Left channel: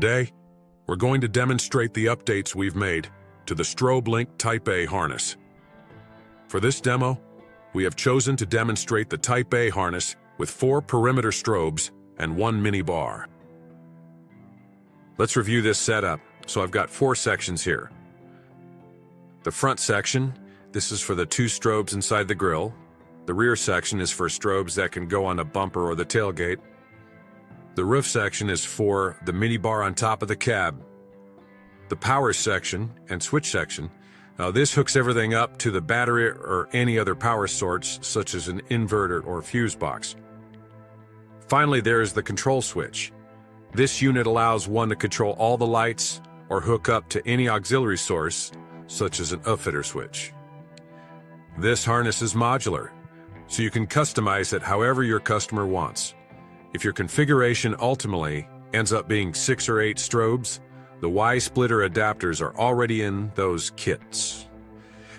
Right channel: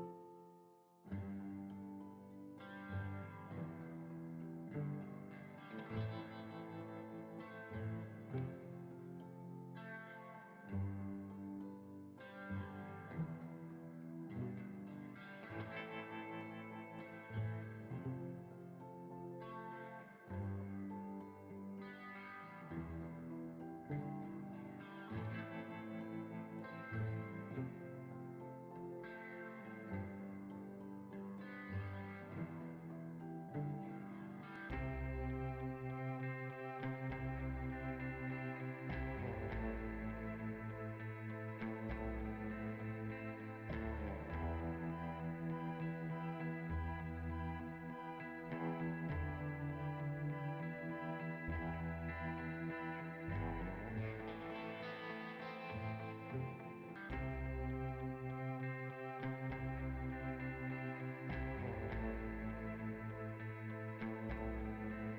Today, we're going to demonstrate the updates we've made to the Strobe Link Type A harness. For this demo, we have chosen to demonstrate the Type A harness with 4 perimeter strobes and 1 mini bar. Let's review this setup. So I've got 4 sections here. The front section, this is for the 2 strobes inside the grille. The rear section is for strobes that can go on a bumper or the tailgate. The roof section is for the mini bar on top of the cab. The power section and switch section, this hooks everything up to the battery or any other power source, such as an inverter or fuse box. Finally, there is the control switch. This unit allows one to control all the lights or hook up to any auxiliary source, such as an upfitter switch. This harness is modular, so you can customize it however your customer wants. If your configuration ultimately ends up being 6 or 8 strobes, the Y-splitter adapters are already in those kits.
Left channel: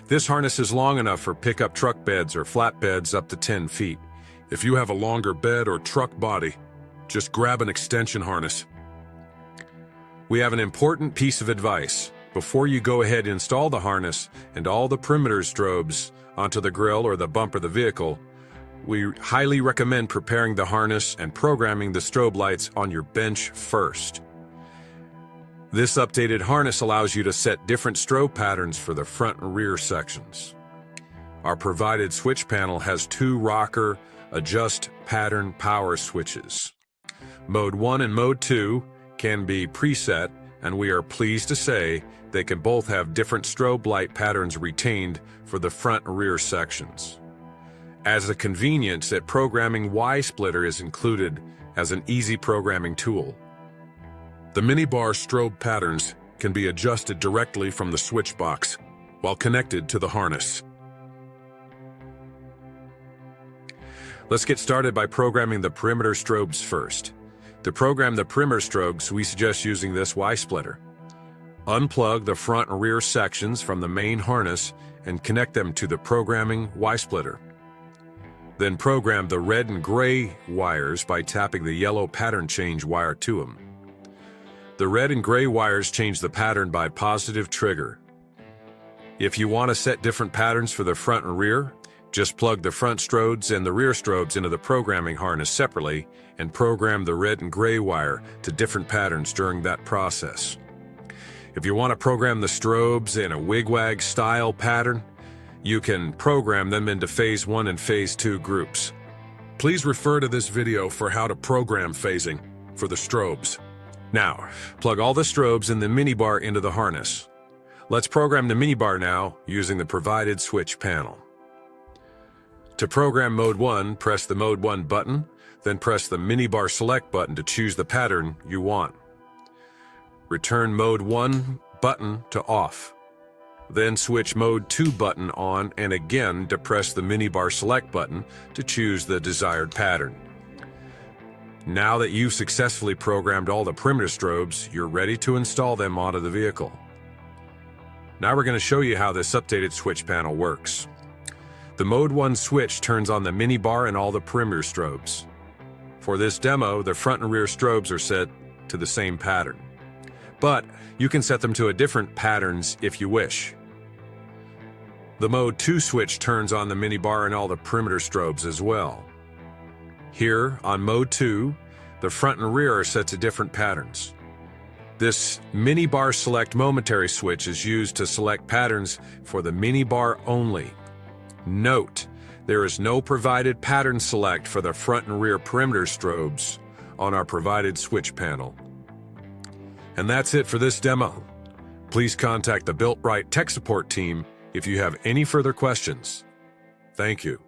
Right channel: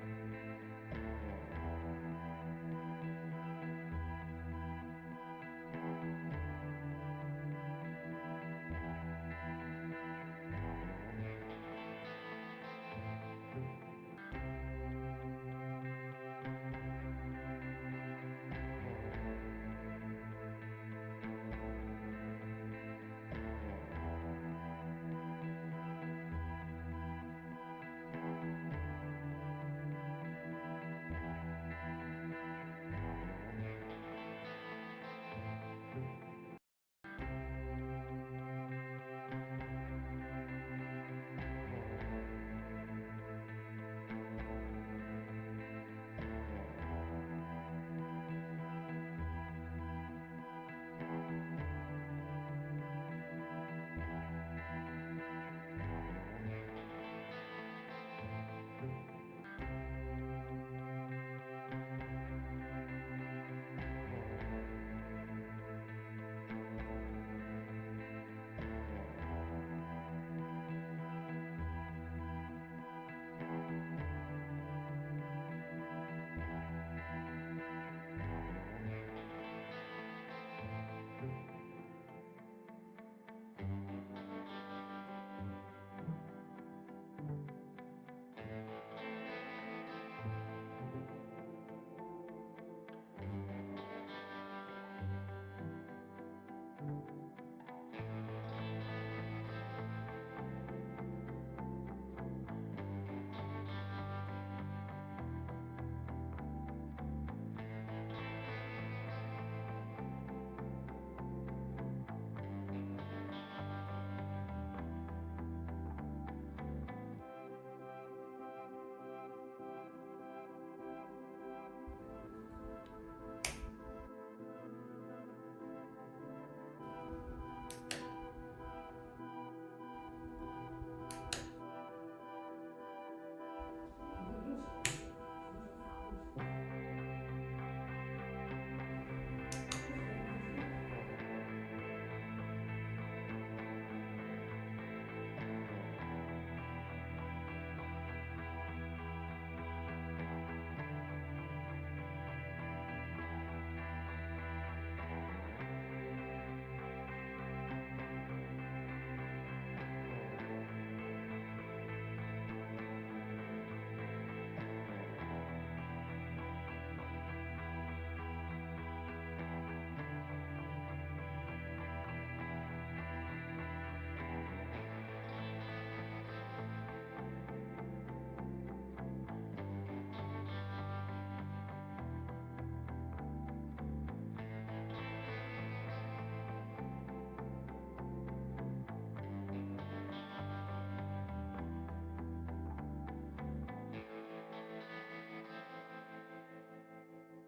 This harness is long enough for pickup truck beds or flatbeds up to 10 feet. If you have a longer bed or truck body, just grab an extension harness. We have an important piece of advice. Before you go ahead and install the harness and all the perimeter strobes onto the grille or the bumper of the vehicle, we highly recommend preparing the harness and programming the strobe lights on your bench first. This updated harness allows you to set different strobe patterns for the front and rear sections. Our provided switch panel has 2 rocker adjust pattern power switches. Mode 1 and Mode 2 can be preset, and we are pleased to say they can both have different strobe light patterns retained for the front and rear sections. As a convenience, that programming Y-splitter is included as an easy programming tool. The mini bar strobe patterns can be adjusted directly from the switch box while connected to the harness. Let's get started by programming the perimeter strobes first. To program the perimeter strobes, we suggest using this Y-splitter. Unplug the front and rear sections from the main harness and connect them to the programming Y-splitter. Then program the red and gray wires by tapping the yellow pattern change wire to them. The red and gray wires change the pattern by positive trigger. If you want to set different patterns for the front and rear, just plug the front strobes and the rear strobes into the programming harness separately and program the red and gray wire to different patterns during that process. If you want to program the strobes in a wigwag style pattern, you can program them into Phase 1 and Phase 2 groups. Please refer to this video for how to program phasing for the strobes. Now, plug all the strobes and the mini bar into the harness. Let's program the mini bar now using the provided switch panel. To program Mode 1, press the Mode 1 button, then press the mini bar select button to choose the pattern you want. Return Mode 1 button to off. Then switch Mode 2 button on and again depress the mini bar select button to choose the desired pattern. Now that you've successfully programmed all the perimeter strobes, you're ready to install them onto the vehicle. Now we're going to show you how this updated switch panel works. The Mode 1 switch turns on the mini bar and all the perimeter strobes. For this demo, the front and rear strobes are set to the same pattern, but you can set them to different patterns if you wish. The Mode 2 switch turns on the mini bar and all the perimeter strobes as well. Here, on Mode 2, the front and rear are set to different patterns. This mini bar select momentary switch is used to select patterns for the mini bar only. Note, there is no provided pattern select for the front and rear perimeter strobes on our provided switch panel. And that's it for this demo. Please contact the BUILTBRIGHT tech support team if you have any further questions. Thank you.